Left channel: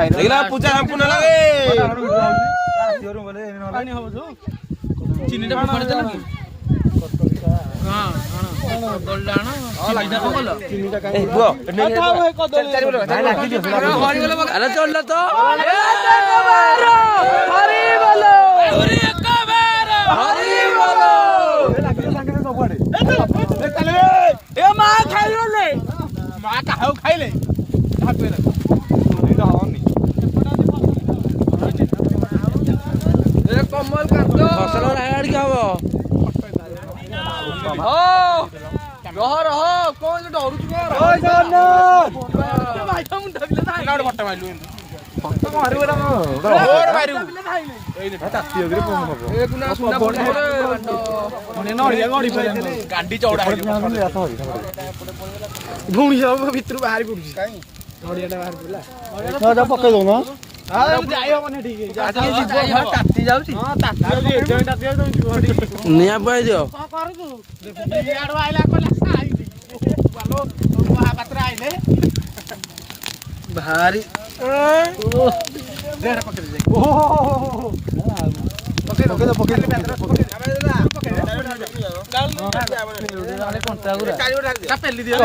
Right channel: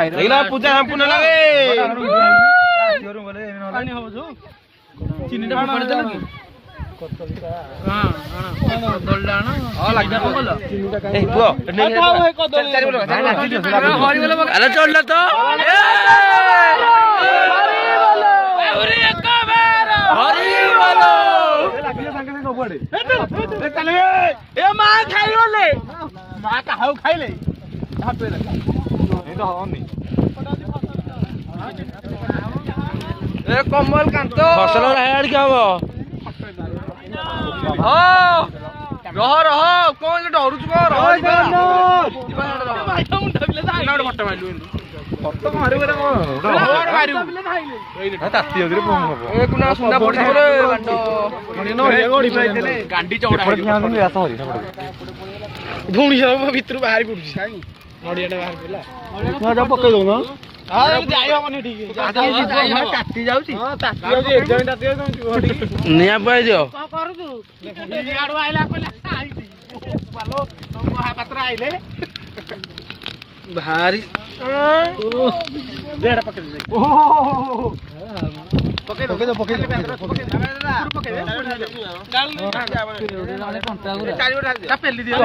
देखला पूजा संपूर्ण लागे चिन्नीटा पकड़ देला कि हां कदलडा ना हां लागदा बोला ए दुआ अरे चल तो अरे एक बार हरी बोलो ए मां खाइले मां का हाउ खाइले हाथ पे ए कमल कांतो फसल राड क्या हो रह रह कोन डरू छु रह नाड बट्टा माइलु बट्टा मारिबे ना और मारिबु ताती अगरे पम हबो ए कुना सुना पड़े नो हे गडी पाइले गांडी चौड़ा धुणी सब भितर बाहर पड़ुछि नडियाटा बाहर पड़ला ना जा पके दो ना हां जाई हो माने ठीक ताती जाउची हां ताती जाउची एजेंटा दिया तो निया पाइ दियो का करू आडो आइला कोले साई बालो महापात्र आइले भारी देड़ा पके दे ओ पके दो पके दो पेली दियो